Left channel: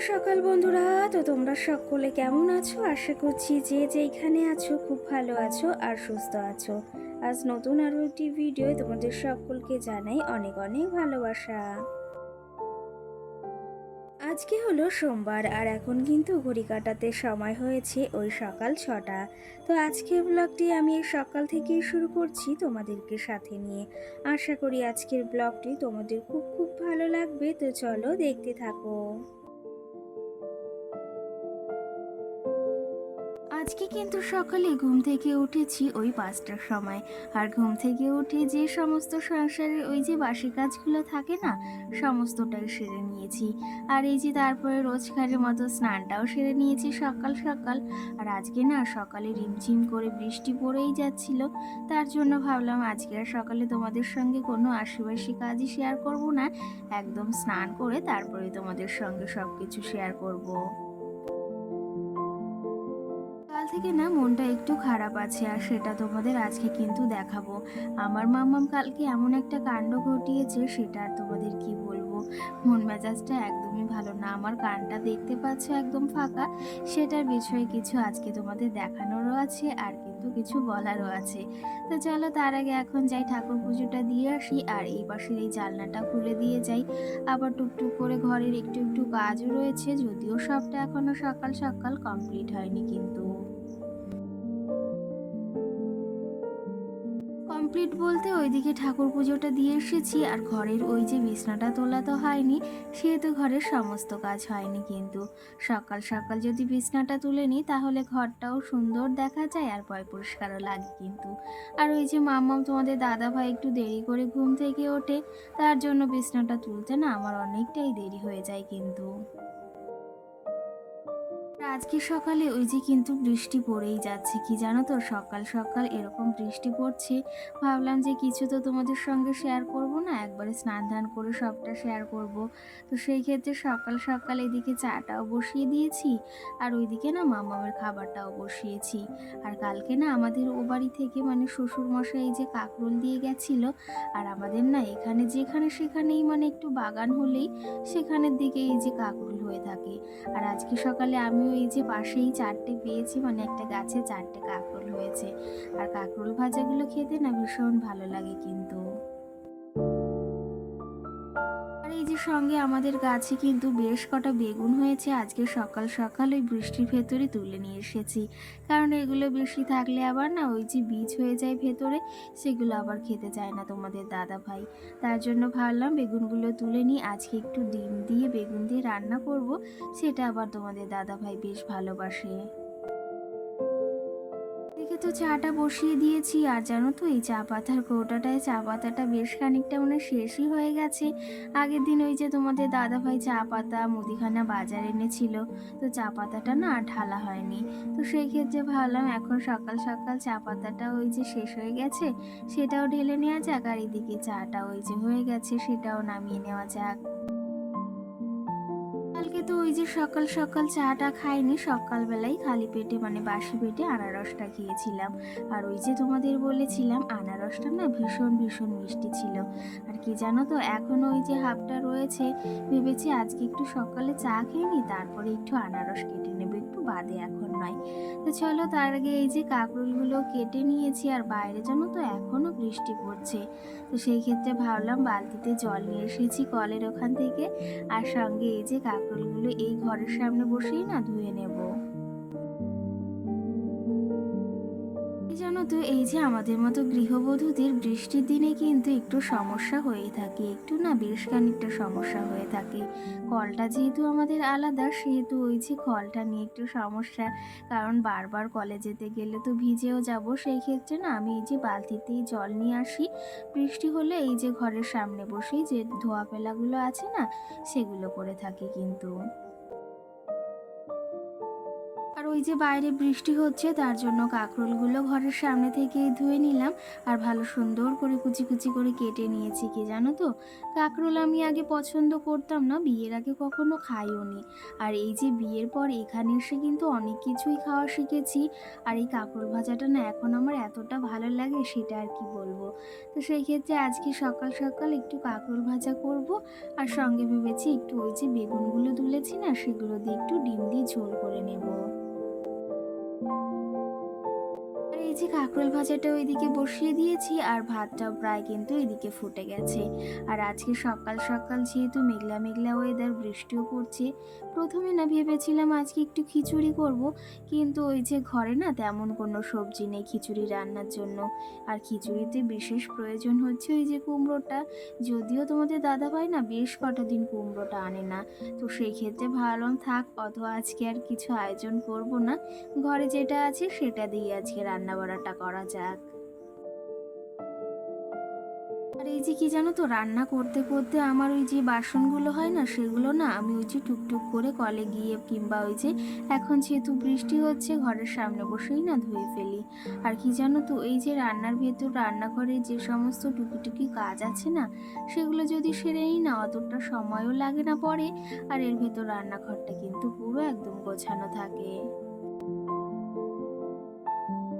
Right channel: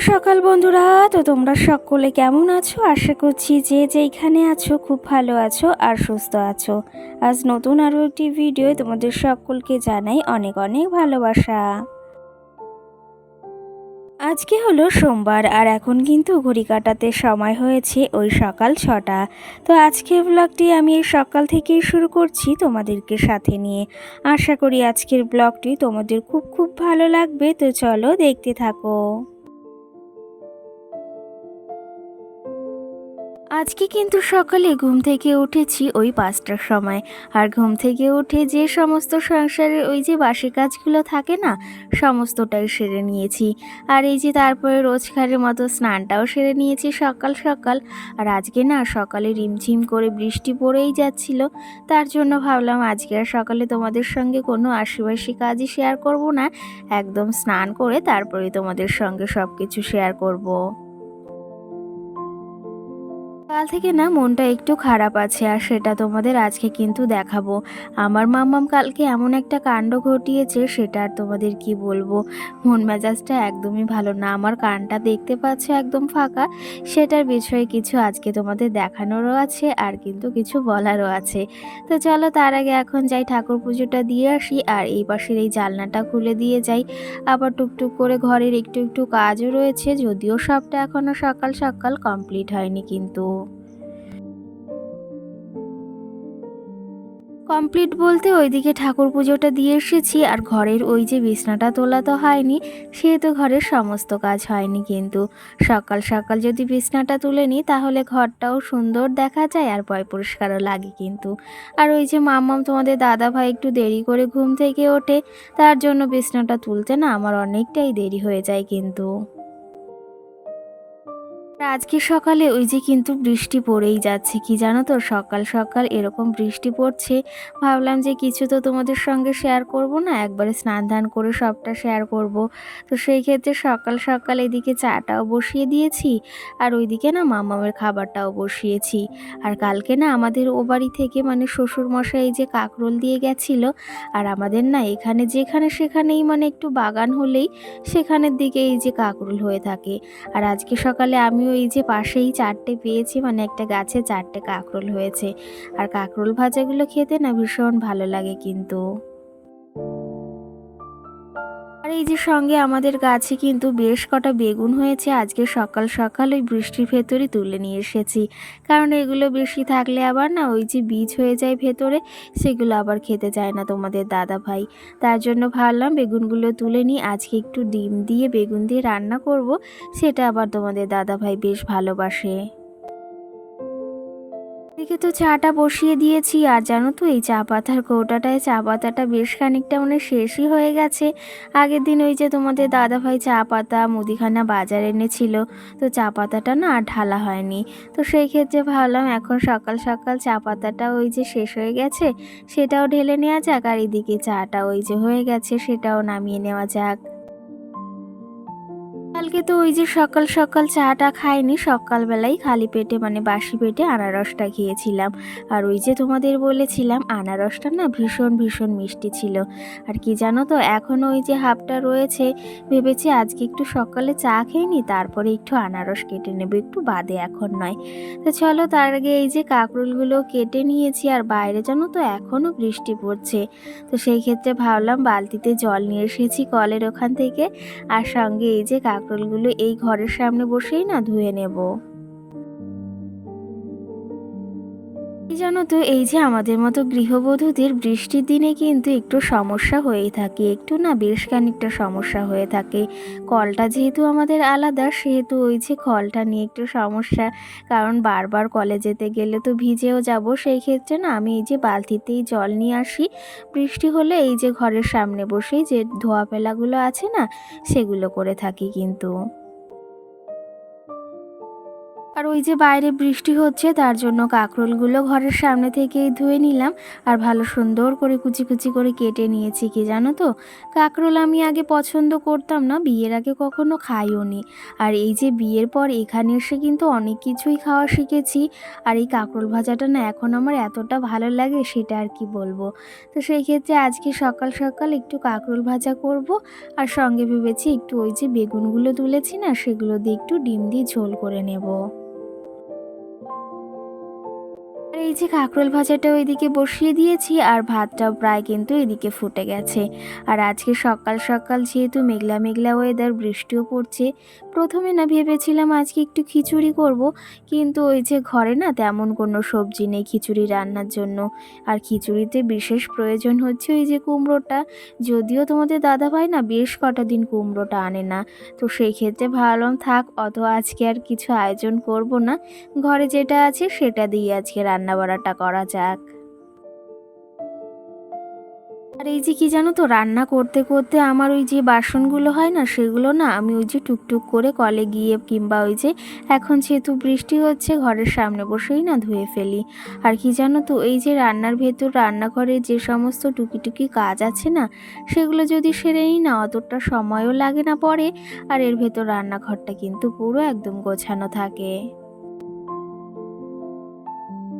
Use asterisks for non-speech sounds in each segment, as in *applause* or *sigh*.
সকাল বন্ধুরা। তো তোমরা সকলে কেমন আছো? আশা করছি যে যেইখানে আছো খুব ভালো আছো আর সুস্থ আছো। আজ নতুন আরও একটি ভিডিও তোমাদের সকলকে জানাই অনেক অনেক ভালোবাসা। আজকে হলো সোমবার আর এখন কিন্তু ঘড়ি কাটাতে সময় হয়েছে ওই সকাল ছটা। তো আজকের ব্লগটি আমি এই সকাল থেকেই শুরু করছি তোমাদেরকে সাথে নিয়ে। আশা করি আজকের ব্লগটি তোমাদের খুব খুব ভালো লাগবে। তো চলো দেখতে থাকো। আজকে কিন্তু সকালে ঘুম থেকে উঠেছি ওই পাঁচটার সময়। আর ঘুম থেকে উঠে যে সমস্ত সংসারের ওই যে বাসি কাজগুলো থাকে না, সমস্তটাই সেরে নিয়েছি। আর এই যে তারপরে রোজকারের মতো স্নানটাও সেরে নিয়েছি সকাল সকাল। আর আজকে না সকালে রিমঝিম করে বৃষ্টি পড়েই যাচ্ছিল। তার জন্য ভাবলাম আজকে আর সকালে তোমাদের সঙ্গে কোনো আশিবাসী কাজই শেয়ার করব না। একদম স্নান করে তারপরে তোমাদের সঙ্গে সব কিছু শেয়ার করব। কাল থেকে না মনটা একটু খারাপ আছে, আর সেটা তোমাদের আজকে কিন্তু দেখাবো। আমার মাম্মাম কালকে এমন একটা কাণ্ড ঘটিয়েছে, সেটা আর তোমাদের কি বলব? মন মেজাজটা একদমই ভালো না। আমার কানটা দেখতে পাচ্ছ একদম ফাঁকা। সেটার বিষয়ে কিছু আজকে তোমাদের দেখানোরও আছে, আর কিন্তু কিছু বলারও আছে। তো চলো তার আগে এখন যাই ঠাকুর পুজোটা দিয়ে আসি, আর এই পাশের এই জালনাটা খুলে দিয়ে যাই। আবার টুকটুক করে ঘরের একটু একটু কাজও রয়েছে, যদিও সবটা এখনও সকাল সকাল কমপ্লিট হয়নি কিন্তু। কমপ্লিট বলতে ওইদিকে ঠাকুর পুজোটা দিয়ে এসেছি, আর ঘরের ওই যে বিছনাটা তোলা তো হয়নি সে তো ঘরের সমস্ত কাজ হয়নি কিন্তু। সকাল সকাল যদি বিছনাটা তুলে নিই, তাহলে ঘরটাও সুন্দর দেখা যায়, আর পয় পরিষ্কারও লাগে কিন্তু। আর ওই যে মাম্মাম তোমাদের দাদা ভাই একটু দেরি করে ঘুম থেকে ওঠে, তার জন্য বিছনাটা তুলতে না আমার অনেকটাই দেরি হয়ে যায় কিন্তু। আজকে সকালে ওই যে কিন্তু বৃষ্টি পড়েই যাচ্ছে, কি জানো তো? সকাল সকাল এরকম বৃষ্টি পড়ছে। ভাবলাম যে কিছু তো তোমাদের সঙ্গে শেয়ার করব না, একবারে স্নান ধান করে সবটা শেয়ার করব। তো সেই ক্ষেত্রে সকাল সকাল এদিকে চাটাও বসিয়ে দিয়েছি, আর ওইদিকে না মামামের খাবারটাও বসিয়েছি। আর কালকে না আমাদের ও বাড়ি থেকে মানে শ্বশুর মশাই এই যে কাকরোল দিয়ে গেছিল, আর আমাদের না এখানে যেখানে সেখানেই মানে একটু বাগান হলেই সেখানের দিকে এই যে কাকরোল হয়ে থাকে। আর আজকে সকালে আমিও এই যে পাশেই চারটে পেয়েছি মানে একটা গাছে চারটে কাঁকরোল হয়েছে। আর কাঁকরোল ভাজাগুলো খেতে না ভীষণ ভালো লাগে কিন্তু। আর এই যে সঙ্গে আমাদের গাছে কিন্তু বেশ কটা বেগুন হয়েছে, আজকে সকাল সকাল ওই বৃষ্টির ভেতরে তুলে নিয়ে এসেছি। কারণ এগুলো বেশি থাকলে আবার না ওই যে বীজ হয়ে যায় ভেতরে, সেগুলো আবার খেতে চায় না তোমাদের দাদা ভাই। তার জন্য ভাবলাম বেগুনগুলো তুলে নিই, আজকে একটু ডিম দিয়ে বেগুন দিয়ে রান্না করব, সেটা আবার তোমাদের দাদা ভাই বেশ ভালোবাসে। তো চাটা বসিয়ে দিয়েছি, আর জানো তো এই চা পাতার কৌটাটায় চা পাতাটা বেশ খানিকটা মানে শেষই হয়ে গেছে। আগের দিন ওই যে তোমাদের দাদাভাই চা পাতা মুদিখানা বাজার এনেছিল, তো চা পাতাটা না আর ঢালা হয়নি। তো সেই ক্ষেত্রে ভাবলাম এখন সকাল সকাল চা পাতাটা ওই যে শেষ হয়ে গেছে, সেটাও ঢেলে নেওয়া যাক, আর এদিকে চাটা ওই যে হয়ে গেছে, সেটাও নামিয়ে নেওয়া যাক। তো ওই যে সকাল সকাল চাটা খাইনি সকালবেলায় খালি পেটে মানে বাসি পেটে আনারসটা খেয়েছিলাম। আর ওই যে তোমাদের বলেছিলাম, আনারসটা না ভীষণ ভীষণ মিষ্টি ছিল। আর কি জানো তো এখনও ওই যে হাফটা রয়েছে, ভেবেছি আজকে একটু সকালে চা খেয়ে নি তারপরে একটু আনারস কেটে নেব, একটু বাদে এখন নয়। তো চলো তার আগে এই যে কাঁকরোলগুলো কেটে নিয়েছি, আর বাইরে জানো তো এখনও বৃষ্টি পড়ছে। তো সেই ক্ষেত্রে ভাবলাম বালতিতে জল নিয়ে এসেছি কলের ওখান থেকে, আর সঙ্গে এই যে কাঁকরোলগুলো এই ঘরের সামনে বসেই না ধুয়ে নেব। জানো তো, এই যে আমাদের মতো গৃহবধূদের বৃষ্টির দিনে কিন্তু একটু সমস্যা হয়েই থাকে, একটু না বেশ খানিকটা সমস্যা হয়ে থাকে। কলটা যেহেতু আমাদের আলাদা, সেহেতু ওই যে কলটা নিয়ে একটু সমস্যা। কারণ বারবার কলে যেতে গেলে তো ভিজেও যাব, সেই ক্ষেত্রে না আমি এই যে বালতিতেই জল নিয়ে আসি। বৃষ্টি হলে এই যে ঘরের সামনে বসেই যে ধোয়া ফেলাগুলো আছে না, সেগুলো করে থাকি কিন্তু। আর ওই যে বাইরে বৃষ্টি হচ্ছে, তার জন্য কাঁকরোলগুলো ঘরের সামনে থেকেই ধুয়ে নিলাম। আর ভালো সুন্দর করে কুচি কুচি করে কেটে নিয়েছি, কি জানো তো? কাঁকরোল আমি আগে পছন্দ করতাম না, বিয়ের আগে কখনো খাইও নি। আর এই যে বিয়ের পর এখানে এসে কিন্তু অনেক কিছুই খাওয়া শিখেছি। আর এই কাঁকরোল ভাজাটা না এখন আমার এতটা ভালো লাগে, সেটা আর কি বলব? তো সেই ক্ষেত্রে আজকে সকাল সকাল একটু কাঁকরোল ভাজা করব। আর সঙ্গে ভেবেছি একটু ওই যে বেগুনগুলো তুলেছি না, সেগুলো দিয়ে একটু ডিম দিয়ে ঝোল করে নেব। এই যে কাঁকরোল ভাজাটা ওইদিকে বসিয়ে দিয়েছি আর ভাতটাও প্রায় কিন্তু এদিকে ফুটে গেছে। আর আজকে সকাল সকাল যেহেতু মেঘলা মেঘলা ওয়েদার বৃষ্টিও পড়ছে প্রথমে না ভেবেছিলাম আজকে একটু খিচুড়ি করব, কিন্তু ওই যে ঘরে না তেমন কোনো সবজি নেই খিচুড়ি রান্নার জন্য। আর খিচুড়িতে বিশেষ প্রয়োজন হচ্ছে ওই যে কুমড়োটা। যদিও তোমাদের দাদাভাই না বেশ কটা দিন কুমড়োটা আনে না। তো সেই ক্ষেত্রে ভাবলাম থাক, অত আজকে আর কিছু আয়োজন করব না। ঘরে যেটা আছে সেটা দিয়ে আজকে রান্না বাড়াটা করা যাক। আর এই যে কি জানো তো, রান্না করতে করতে আমার ওই যে বাসনগুলো হয় না, সেগুলো না আমি ওই যে টুকটুক করে কলে গিয়ে কিংবা ওই যে এখন যেহেতু বৃষ্টি হচ্ছে ঘরের সামনে বসেই না ধুয়ে ফেলি। আর কি জানো তো, এই যে রান্নার ভেতর রান্নাঘরে যে সমস্ত টুকিটুকি কাজ আছে না, সেগুলো যদি সেরে নিই না, অতটা সময়ও লাগে না পরে, আর এর ভেতর রান্নাঘরটা কিন্তু পুরো একদম গোছানো থাকে।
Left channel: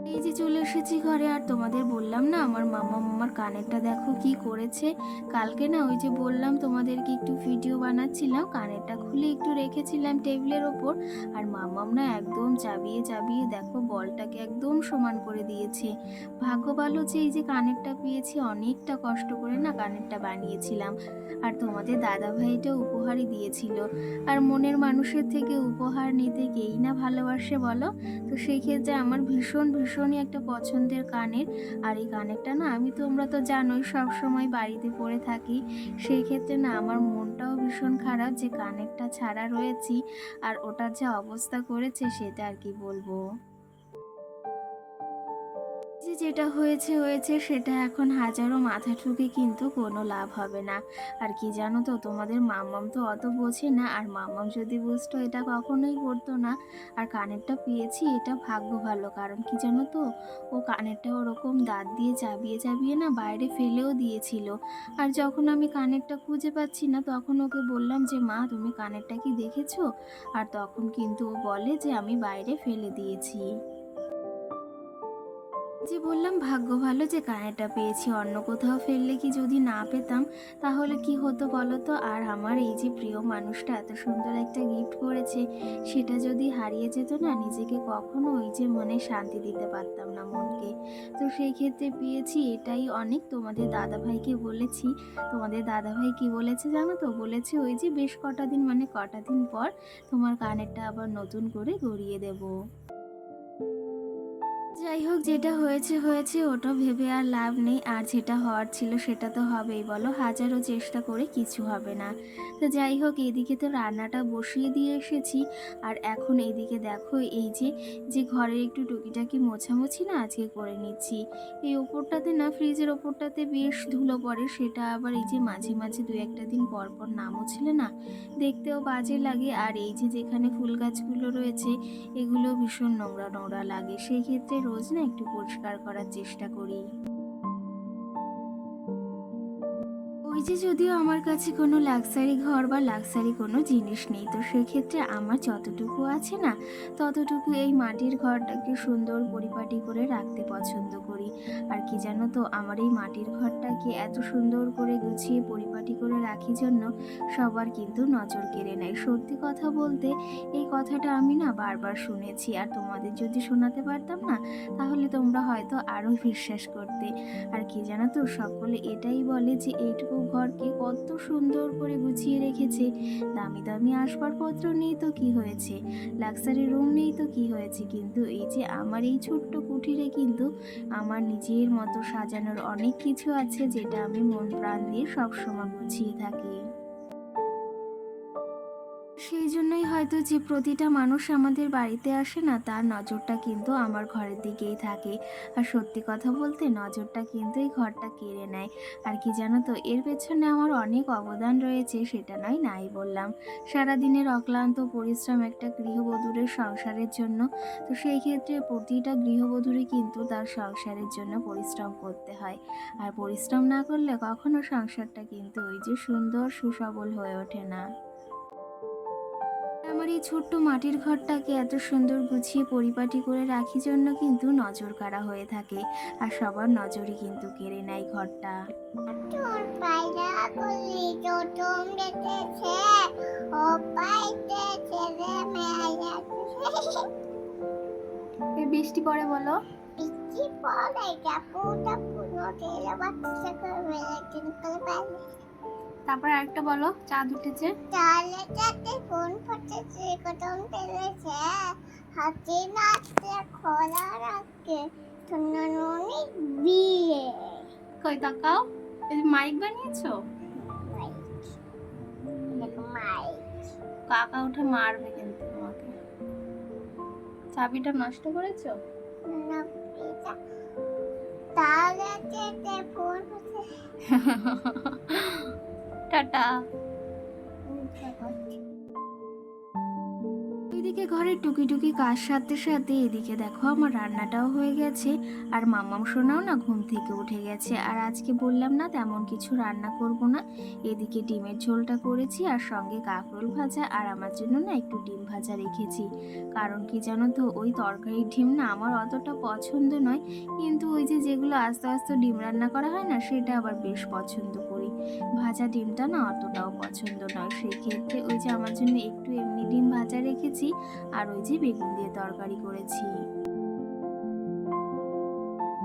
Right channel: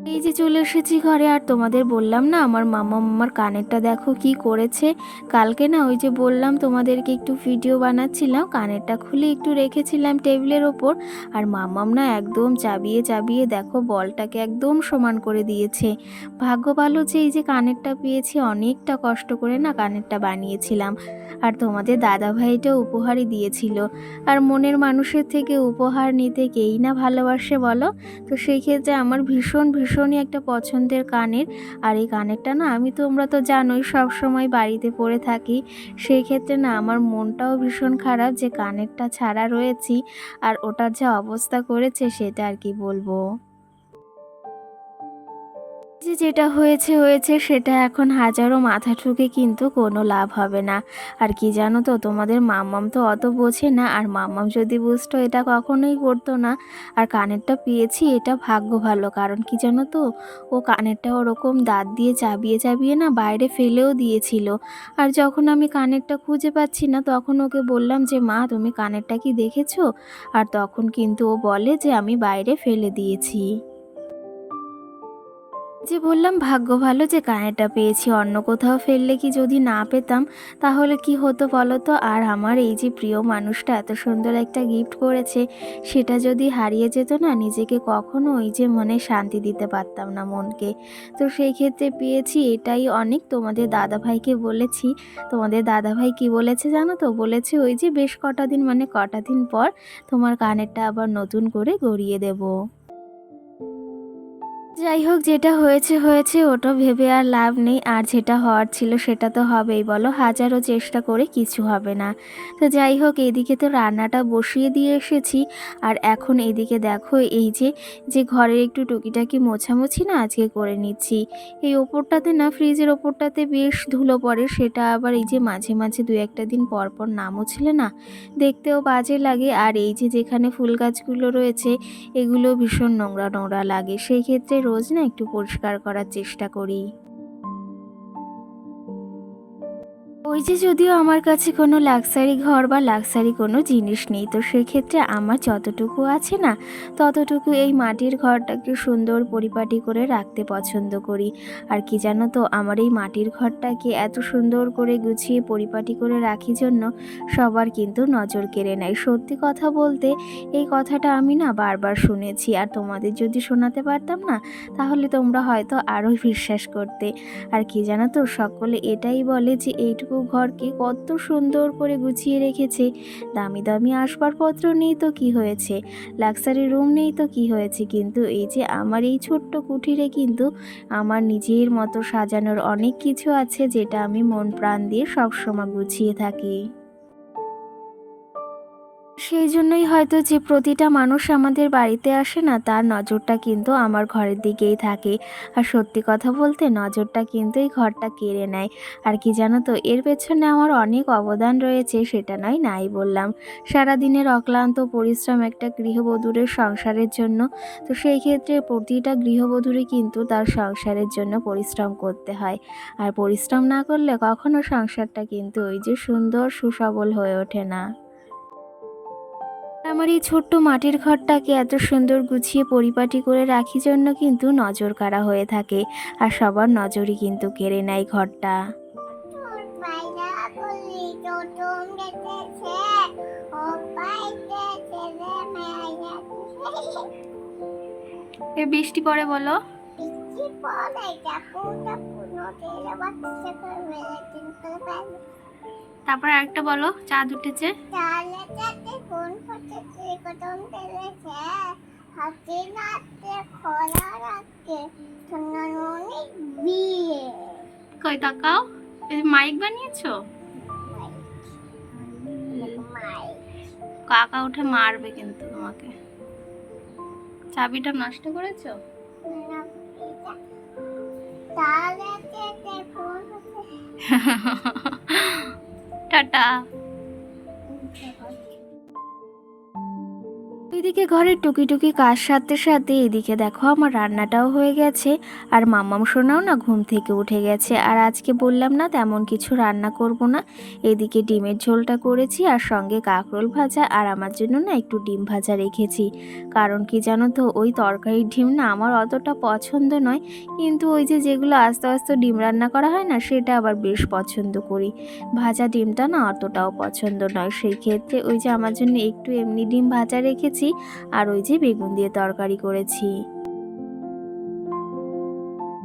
এই যে চলে এসেছি ঘরে, আর তোমাদের বললাম না, আমার মামা মামার কানেরটা দেখো কি করেছে। কালকে না ওই যে বললাম তোমাদেরকে একটু ভিডিও বানাচ্ছিলাম, কানেরটা খুলে একটু রেখেছিলাম টেবিলের ওপর, আর মামাম না একদম চাবিয়ে চাবিয়ে দেখো বলটাকে একদম সমান করে দিয়েছে। ভাগ্য ভালো যে এই যে কানেরটা পেয়েছি, অনেকটা কষ্ট করে না কানেরটা বানিয়েছিলাম। আর তোমাদের দাদা ভাইটা উপহারই দিয়েছিল। আর মনের মানুষের থেকে উপহার নিতে কেই না ভালোবাসে বলো? তো সেই ক্ষেত্রে আমার ভীষণ ভীষণই একটা পছন্দের কানের আর এই কানেরটা না, আমি তোমরা তো জানোই, সব সময় বাড়িতে পরে থাকি। সেই ক্ষেত্রে না, আমার মনটাও ভীষণ খারাপ যে কানেরটা ছাড়া রয়েছি। আর ওটার যা অবস্থা করেছে, সেটা আর কি বলব? যে যেটা হয়েছে হয়েছে, সেটা এখন হাজারো মাথা ঠুকে কিন্তু কোনো লাভ হবে না। আর কি জানো তো, তোমাদের মাম্মাম তো অত বোঝে না, আর মাম্মাম যদি বুঝতো এটা কখনোই করতো না। আর কানেরটা পেয়েছি, এটা ভাগ্য ভালো, কারণ কি জানো তো, ও কানেরটা ওরকম দাঁত দিয়ে চাবিয়ে চাবিয়ে না বাইরে ফেলেও দিয়েছিল। আর যখন আমি কানেরটা খুঁজে পাচ্ছি না, তখন ওকে বললাম যে, মা, তুমি কানেরটা কি দেখেছ? আর তখন কিন্তু ও বলে যে, আমি বাইরে ফেলে দিয়েছি। যে বললাম, ভাগ্য ভালো যে কানেরটা পেয়েছি। অন্য কোথাও ফেললে কি যদি না পেতাম, তাহলে কি হতো বলো তো আর আমার এই যে প্রিয় মানুষটা এত সুন্দর একটা গিফট করেছে, সেটা যদি হারিয়ে যেত না, নিজেকে কখনো ওই যে মনে শান্তি দিতে পারতাম না মনকে। তো সেই ক্ষেত্রে পেয়েছি এটাই অনেক। তোমাদের দাদাভাইকে বলেছি। তোমাদের দাদাভাই কি বলেছে জানো তো? বলেছে ওই যে বেশ কটা দিন মানে কটা দিন পর তোমার কানেরটা আবার নতুন করে গড়িয়ে দেবো। যাই হোক, যেটা হয়েছে হয়েছে, ওটা ভেবে আর লাভ নেই। আর যেটা হওয়ার ছিল সেটা তো হবেই, বলো। হাজারো চেষ্টা করে কিছু হবে না। তো যাই হোক, এদিকে তো রান্নাটা বসিয়ে দিয়ে এসেছি। আর এখন এদিকে দেখো, এই যে যে ঘরের একটু টুকিটাকি মোছামুছি না আজকে করে নিচ্ছি। এই ওপরটাতে না, ফ্রিজের ওপরটাতে বেশ ধুলো পড়ে। সেটা আবার এই যে মাঝে মাঝে দু একটা দিন পর পর না মুছলে না। দেখতেও বাজে লাগে। আর এই যে যেখানে ফুল গাছগুলো রয়েছে, এগুলো ভীষণ নোংরা নোংরা লাগে। সেই ক্ষেত্রে রোজ না একটু পরিষ্কার করার চেষ্টা করি। ওই যে যদিও আমার কাছে কোনো লাক্সারি ঘর বা লাক্সারি কোনো জিনিস নেই, তো সেক্ষেত্রে আমার যতটুকু আছে না, ততটুকু এই মাটির ঘরটাকে সুন্দর পরিপাটি করে রাখতে পছন্দ করি। আর কি জানো তো, আমার এই মাটির ঘরটাকে এত সুন্দর করে গুছিয়ে পরিপাটি করে রাখি জন্য সবার কিন্তু নজর কেড়ে নেয়। সত্যি কথা বলতে, এই কথাটা আমি না বারবার শুনেছি। আর তোমাদের যদি শোনাতে পারতাম না, তাহলে তোমরা হয়তো আরও বিশ্বাস করতে। আর কি জানো তো, সকলে এটাই বলে যে এইটুকু ঘরকে কত সুন্দর করে গুছিয়ে রেখেছে। দামি দামি আসবাবপত্র নেই তো কি হয়েছে? লাক্সারি রুম নেই তো কি হয়েছে? কিন্তু এই যে আমার এই ছোট্ট কুঠিরে কিন্তু আমার নিজের মতো সাজানোর অনেক কিছু আছে যেটা আমি মন প্রাণ দিয়ে সবসময় গুছিয়ে থাকি। সেই জন্যই হয়তো যে প্রতিটা মানুষ আমাদের বাড়িতে আসে না, তার নজরটা কিন্তু আমার ঘরের দিকেই থাকে। আর সত্যি কথা বলতে নজরটা কিন্তু এই ঘরটা কেড়ে নেয়। আর কি জানো তো, এর পেছনে আমার অনেক অবদান রয়েছে, সেটা নয়, নাই বললাম। সারাদিনের অক্লান্ত পরিশ্রম একটা গৃহবধূরের সংসারের জন্য, তো সেই ক্ষেত্রে প্রতিটা গৃহবধূরই কিন্তু তার সংসারের জন্য পরিশ্রম করতে হয়। আর পরিশ্রম না করলে কখনো সংসারটা কিন্তু ওই যে সুন্দর, সুসবল হয়ে ওঠে না। আমার এই ছোট্ট মাটির ঘরটাকে এত সুন্দর গুছিয়ে পরিপাটি করে রাখি জন্য কিন্তু নজর কাড়া হয়ে থাকে আর সবার নজরই কিন্তু কেড়ে নেয় ঘরটা। এ বৃষ্টি পড়ে বলো। পরে তারপর আরেকটা বলো চাঁদ উঠেছে। কই তাকাও মাইক। বানিয়েছো কাকা উঠে মারবে কিন্তু তোমাকে। চাবিটা নষ্ট করেছ? তাহলে ফোন হচ্ছে *laughs* টাটা। এদিকে ঘরের টুকি টুকি কাজ সারতে সারতে এদিকে দেখো আমার রান্নাটাও হয়ে গেছে, আর মাম্মাম সোনাও না ঘুম থেকে উঠে গেছে, আর আজকে বললাম না তেমন কিছু রান্না করব না। এদিকে ডিমের ঝোলটা করেছি, আর সঙ্গে কাঁকরোল ভাজা, আর আমার জন্য না একটু ডিম ভাজা রেখেছি। কারণ কি জানো তো, ওই তরকারির ডিম না আমার অতটা পছন্দ নয়, কিন্তু ওই যে যেগুলো আস্তে আস্তে ডিম রান্না করা হয় না, সেটা আবার বেশ পছন্দ করি। ভাজা ডিমটা না অতটাও পছন্দ নয়, সেই ক্ষেত্রে ওই যে আমার জন্য একটু এমনি ডিম ভাজা রেখেছি আর ওই যে বেগুন দিয়ে তরকারি করেছি।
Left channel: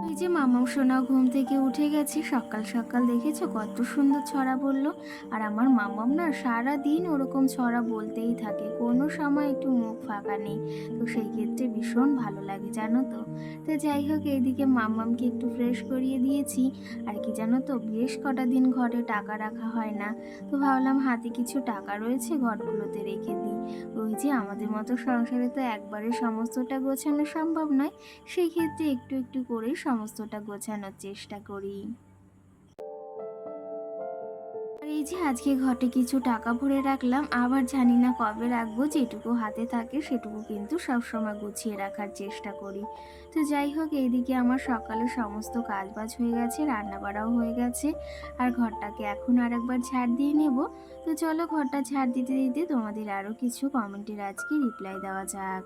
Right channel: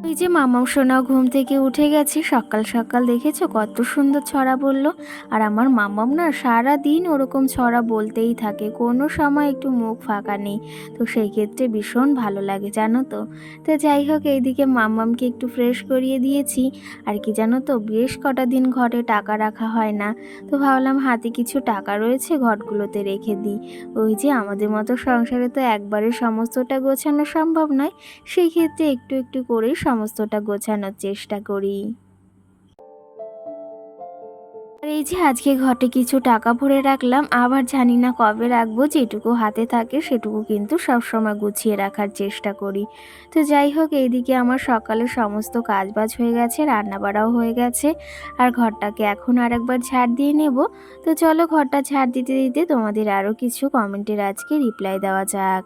ওই যে মামাও সোনাও ঘুম থেকে উঠে গেছে, সকাল সকাল দেখেছ কত সুন্দর ছড়া বলল। আর আমার মামাম না সারা দিন ওরকম ছড়া বলতেই থাকে, কোনো সময় একটু মুখ ফাঁকা নেই। তো সেই ক্ষেত্রে ভীষণ ভালো লাগে, জানো তো। তো যাই হোক, এইদিকে মামামকে একটু ফ্রেশ করিয়ে দিয়েছি। আর কি জানো তো, বেশ কটা দিন ঘরে টাকা রাখা হয় না। তো ভাবলাম হাতে কিছু টাকা রয়েছে, ঘরগুলোতে রেখে দিই। ওই যে আমাদের মতো সংসারে তো একবারে সমস্তটা গোছানো সম্ভব নয়, সেই ক্ষেত্রে একটু একটু করেই সমস্তটা গোছানোর চেষ্টা করি। আর এই যে আজকে ঘটে কিছু টাকা ভরে রাখলাম, আবার জানি না কবে রাখব, যেটুকু হাতে থাকে সেটুকু কিন্তু সবসময় গুছিয়ে রাখার চেষ্টা করি। তো যাই হোক, এইদিকে আমার সকালে সমস্ত কাজবাজ হয়ে গেছে রান্না বাড়াও হয়ে গেছে, আর ঘরটাকে এখন আর একবার ঝাড় দিয়ে নেব। তো চলো ঘরটা ঝাড় দিতে দিতে তোমাদের আরও কিছু কমেন্টের আজকে রিপ্লাই দেওয়া যাক।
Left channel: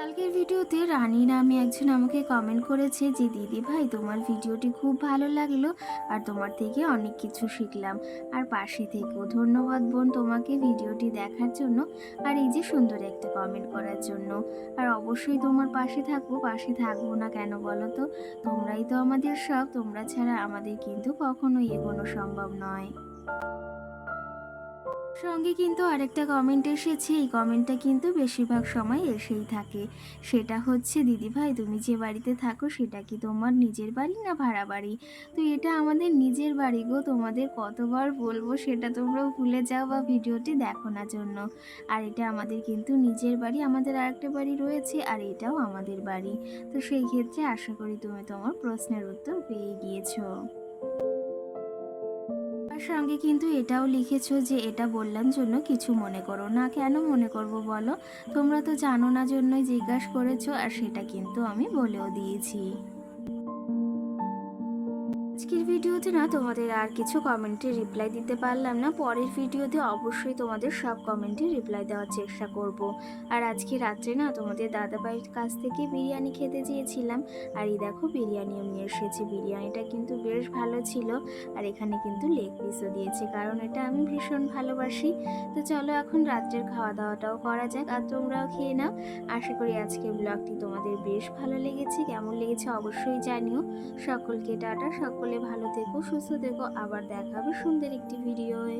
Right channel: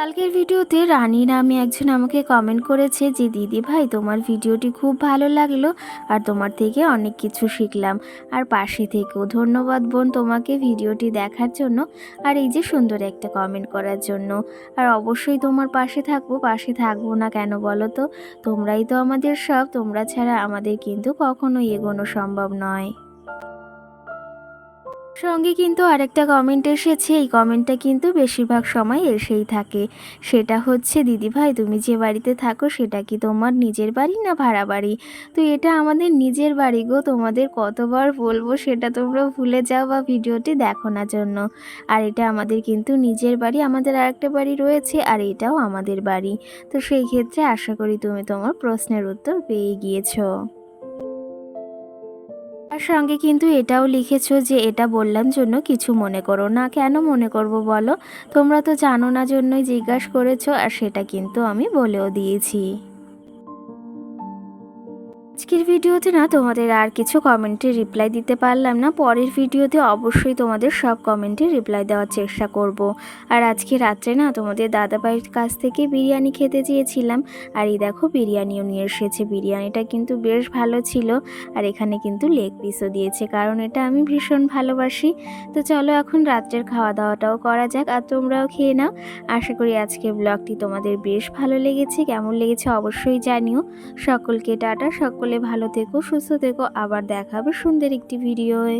কালকের ভিডিওতে রানী নামে একজন আমাকে কমেন্ট করেছে যে, দিদি ভাই, তোমার ভিডিওটি খুব ভালো লাগল আর তোমার থেকে অনেক কিছু শিখলাম। আর পাশে থেকেও ধন্যবাদ বোন তোমাকে ভিডিওটি দেখার জন্য আর এই যে সুন্দর একটা কমেন্ট করার জন্য। আর অবশ্যই তোমার পাশে থাকব পাশে থাকব না কেন বলো তো? তোমরাই তো আমাদের সব, তোমরা ছাড়া আমাদের কিন্তু কখনোই এগোনো সম্ভব নয়। সঙ্গে কিন্তু আরেকটা কমেন্ট এসেছে। এই কমেন্টটা কিন্তু বেশিরভাগ সময় এসেই থাকে। সেটা হচ্ছে, দিদি ভাই, তুমি যে বাড়িতে থাকো, সেটা কি তোমার নিজের বাড়ি না ভাড়া বাড়ি? তো এটা আমাদের নিজের বাড়ি গো, তোমাদের কতবার বলব সেটা তোমরা ভুলে যাও বা ভিডিওটি দেখো না জন্য। আর এটা আমাদের কিন্তু নিজের বাড়ি, আমাদের আরেকটা বাড়ি রয়েছে আর এটাও আমাদের বাড়ি। তো সেই ক্ষেত্রে আশা করি তুমি তোমার প্রশ্নের উত্তর পেয়ে গিয়েছো। সঙ্গে কিন্তু এটাও লিখেছো যে এটা বললাম জন্য কিছু মনে করো না। কেন মনে করব বলো? তোমরা তো জানো না জন্যই জিজ্ঞাসা করেছ, আর সেটা কিন্তু আমি বলেও দিয়েছি। আজকের ভিডিওতে না তোমাদের আর কিছু কমেন্টে রিপ্লাই দিতে পারলাম না। পরের ভিডিওতে অবশ্যই তোমাদের সব কমেন্টে রিপ্লাই দেওয়ার চেষ্টা করব। আর আজকে রাত্রে না তোমাদের দাদাভাইয়ের কাছ থেকে বিরিয়ানি খেতে চেয়েছিলাম। আর এই দেখো বিরিয়ানিও নিয়ে এসেছে। বিরিয়ানিটা কিন্তু বেশ ভালো ছিল। আর এখানে কিন্তু লেগ পিসও দিয়েছে। কারণ এটা আমি ভীষণ ভালোবাসি। তো চলো এখন রাত্রের খাওয়া দাওয়াটাও করা যাক। আর তোমরাও খেয়ে নাও। আশা করি আজকে ব্লগটি তোমাদের বেশ ভালো লেগেছে। কেমন লেগেছে অবশ্যই জানিও। সকলকে টাটা। সকলে ভালো থেকো সুস্থ থেকো। আবার দেখাবে সুন্দর একটি ভিডিওয়ে।